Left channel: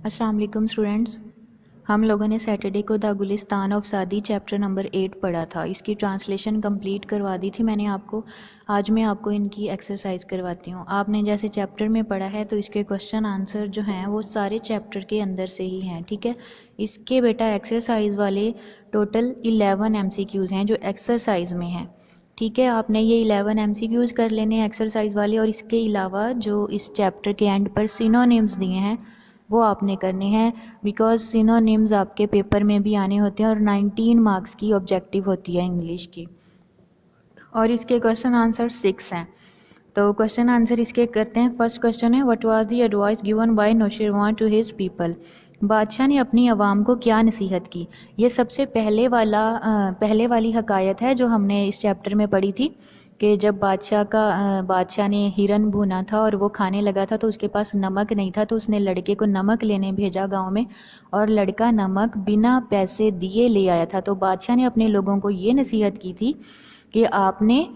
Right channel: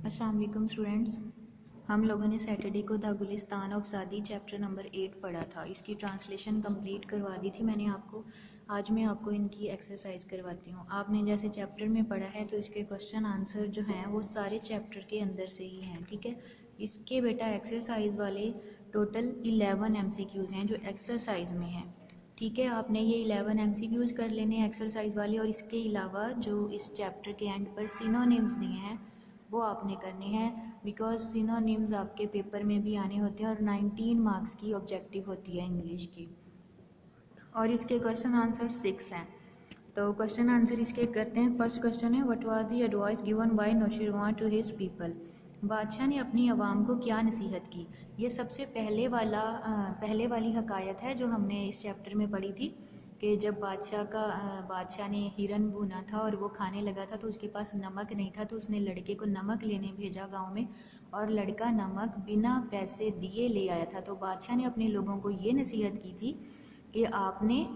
अस्सलाम वालेकुम स्टूडेंट्स। हम लोगों ने सैटरडे को द गुलिस्तान ऑफ सादी चैप्टर नंबर 8 पढ़ा था। इसकी ट्रांसलेशन कंप्लीट करवा दी थी मैंने आपको। आज मैं आपको इनकी एक्सरसाइज करवाती हूँ। आपने जैसे चैप्टर में पढ़ा है तो इसके क्वेश्चन आंसर जो हैं वो सारे चैप्टर के अंदर से ही हैं, ठीक है। इसके बेटा एक्सरसाइज वाले टोटल 11 MCQs हैं जो एक्सरसाइज में हैं, ठीक है। आपने ये 11 MCQs कर लेने एक्सरसाइज वाले, और इसके अलावा जो इस चैप्टर के एंड पर सिनोनिम्स दिए हैं वो आपने करने हैं, बिकॉज सिनोनिम्स आपके पेपर में भी आने होते हैं और 19 मार्क्स की ऑब्जेक्टिव होती है इंग्लिश की। और इसके क्वेश्चन आंसर 6 हैं। तो क्वेश्चन आंसर इसके करते हैं। फर्स्ट क्वेश्चन है, what was the advice given by Nausherwan to his people. बादशाह ने अपनी आवाम को क्या नसीहत की। ये सबसे पहले वाली हकायत है जो हमने इस चैप्टर में पढ़ी थी कि जब बादशाह ने हिरन भुना था और वो खाने लगा था तो उसके पास नमक नहीं था, तो उसने लड़के को नमक लेने भेजा गांव में, और लड़का नमक बिना पैसे दिए ले आया था। तो बादशाह ने अपने लोगों को ये नसीहत की थी कि आपने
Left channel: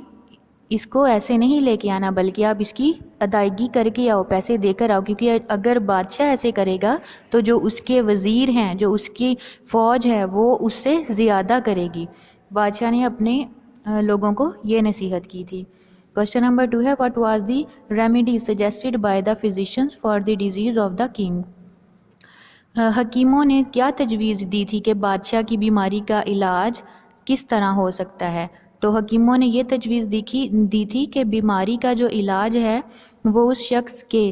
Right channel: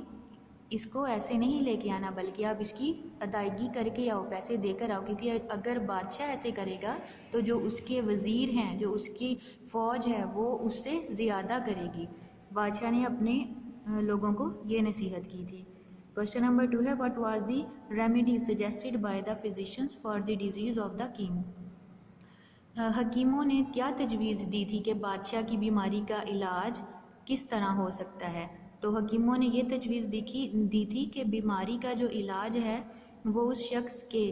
इसको ऐसे नहीं लेके आना, बल्कि आप इसकी अदायगी करके आओ, पैसे देकर आओ, क्योंकि अगर बादशाह ऐसे करेगा तो जो उसके वज़ीर हैं, जो उसकी फ़ौज है, वो उससे ज़्यादा करेगी। बादशाह ने अपने लोगों को ये नसीहत की थी। क्वेश्चन नंबर 2 है, what was the remedy suggested by the physicians for the disease of the king. हकीमों ने क्या तजवीज़ दी थी कि बादशाह की बीमारी का इलाज किस तरह हो सकता है। तो हकीमों ने ये तजवीज़ दी थी कि बीमारी का जो इलाज है वो उस शख्स के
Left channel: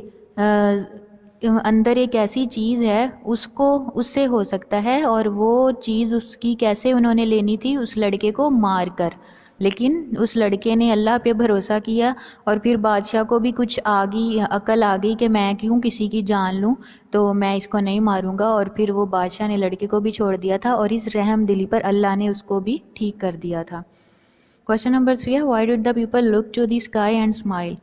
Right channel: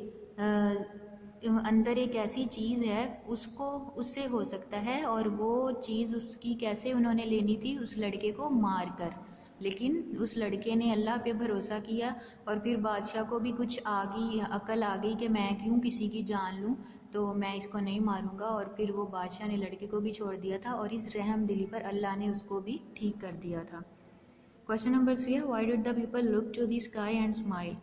अंदर एक ऐसी चीज़ है उससे हो सकता है, और वो चीज़ उसकी कैसे उन्होंने लेनी थी, उस लड़के को मार कर। लेकिन उस लड़के ने अल्लाह पे भरोसा किया, और फिर बादशाह को भी कुछ अकल आ गई कि मैं क्यों किसी की जान लूँ, तो मैं इसको नहीं मारूंगा। और फिर वो बादशाह ने लड़के को भी छोड़ दिया था, और इस रहम दिली पर अल्लाह ने उसको भी ठीक कर दिया था। क्वेश्चन नंबर 3 है, why did the people look to the sky and smile.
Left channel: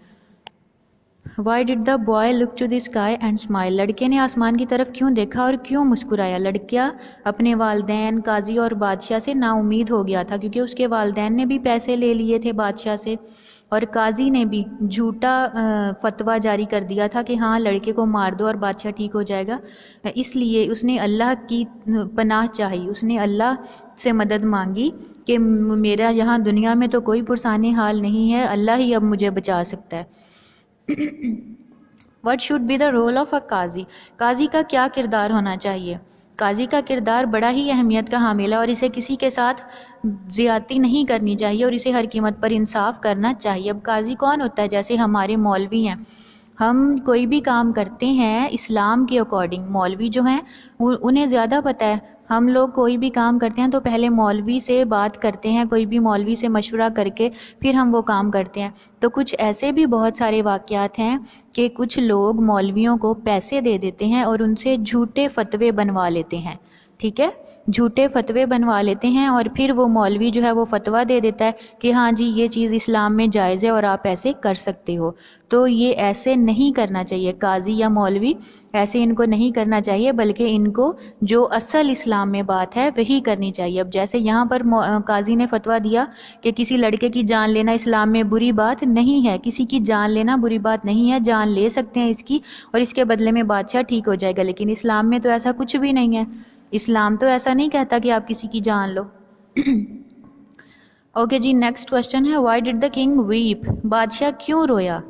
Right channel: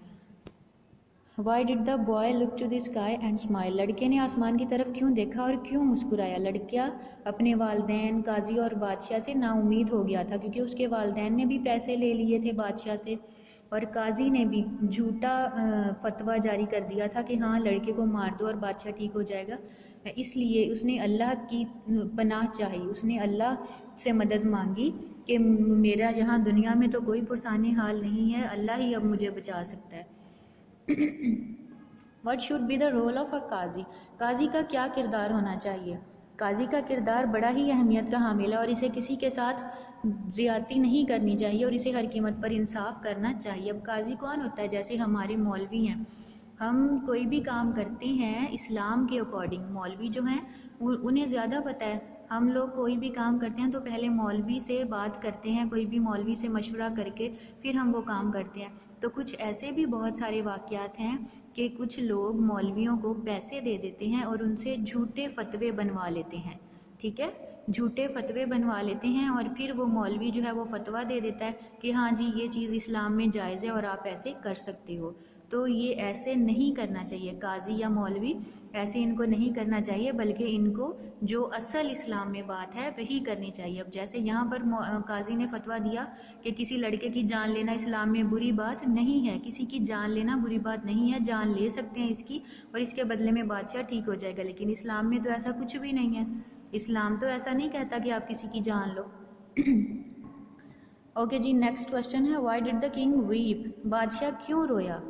Why did the boy look to the sky and smile. लड़के ने आसमान की तरफ क्यों देखा और क्यों मुस्कुराया। लड़का अपने वालदैन, काजी और बादशाह से नाउम्मीद हो गया था, क्योंकि उसके वालदैन ने भी पैसे ले लिए थे बादशाह से, और काजी ने भी झूठा फतवा जारी कर दिया था कि हाँ लड़के को मार दो और बादशाह ठीक हो जाएगा। इसलिए उसने अल्लाह की पनाह चाही, उसने अल्लाह से मदद मांगी कि मेरा यहाँ दुनिया में तो कोई पुरसाने हाल नहीं है, अल्लाह ही अब मुझे बचा सकता है। What should be the role of a काजी। काजी का क्या किरदार होना चाहिए। काजी का किरदार बड़ा ही अहमियत का हामिल है, और इसे किसी के साथ ज़्यादती नहीं करनी चाहिए, और इसे हर कीमत पर इंसाफ करना चाहिए। अब काजी कौन होता है। जैसे हमारे मौलवी हैं, हम कोई भी काम करते हैं इस्लाम के अकॉर्डिंग, मौलवी जो हैं उन्हें ज़्यादा पता है। हम लोग कोई भी काम करते हैं तो पहले मौलवी से बात करते हैं, कोई भी मौलवी से मशवरा करके फिर हम वो काम करते हैं। तो कुछ ऐसे भी बहुत सारे वाक़यात हैं कि कुछ लोग मौलवियों को पैसे दे देते हैं और उनसे झूठे फतवे बनवा लेते हैं, ठीक है। झूठे फतवे बनवा लेते हैं, और फिर वो मौलवी जो है वो फतवा दे देता है कि हाँ जी ये चीज़ इस्लाम में जायज़ है और आप ऐसे कर सकते हो। तो ये ऐसे नहीं करना चाहिए, काजी या मौलवी ऐसे इनको नहीं करना चाहिए, बल्कि इनको जो असल इस्लाम में बात है वही करनी चाहिए। अब जैसे यहाँ पर काजी ने फतवा दिया कि किसी लड़के की जान लेना इस्लाम में बुरी बात नहीं है, किसी की जान लेना बुरी बात नहीं है, जान ले सकते हैं इसकी, और इसके बदले में बादशाह ठीक हो जाएगा। लेकिन इस्लाम में तो ऐसा कुछ भी नहीं है। इस्लाम तो ऐसा नहीं कहता कि आप किसी की जान लो। ओके जी, नेक्स्ट क्वेश्चन है, why did the king weep. बादशाह क्यों रोया।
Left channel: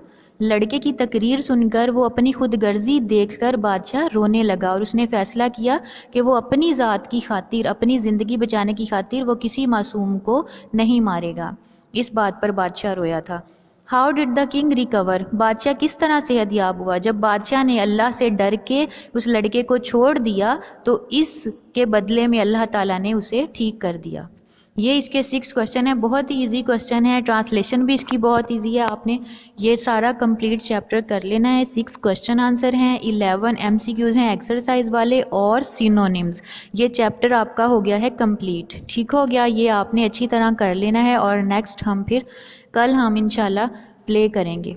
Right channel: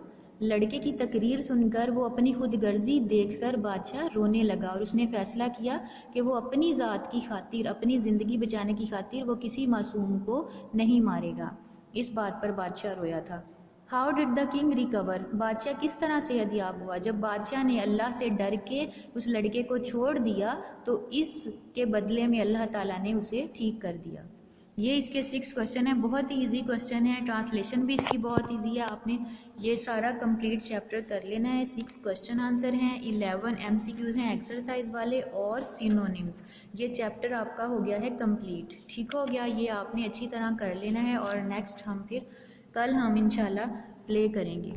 लड़के की तकरीर सुनकर वो अपनी खुदगर्जी देखकर बादशाह रोने लगा, और उसने फ़ैसला किया कि वो अपनी ज़ात की खातिर, अपनी ज़िंदगी बचाने की खातिर वो किसी मासूम को नहीं मारेगा। इस बात पर बादशाह रोया था। How did the king recover. बादशाह किस तरह सेहत याब हुआ। जब बादशाह ने अल्लाह से डर के उस लड़के को छोड़ दिया तो इसके बदले में अल्लाह ताला ने उसे ठीक कर दिया। ये इसके 6 क्वेश्चन है, बहुत ही इजी क्वेश्चन है, ट्रांसलेशन भी इसकी बहुत इजी है। आपने ये सारा कंप्लीट चैप्टर कर लेना है। 6 क्वेश्चन आंसर हैं, 11 MCQs हैं एक्सरसाइज वाले, और सिनोनिम्स। ये चैप्टर आपका हो गया है कंप्लीट, ठीक हो गया। ये आपने अच्छी तरह कर लेना है, और नेक्स्ट कल हम इंशाल्लाह प्ले करेंगे।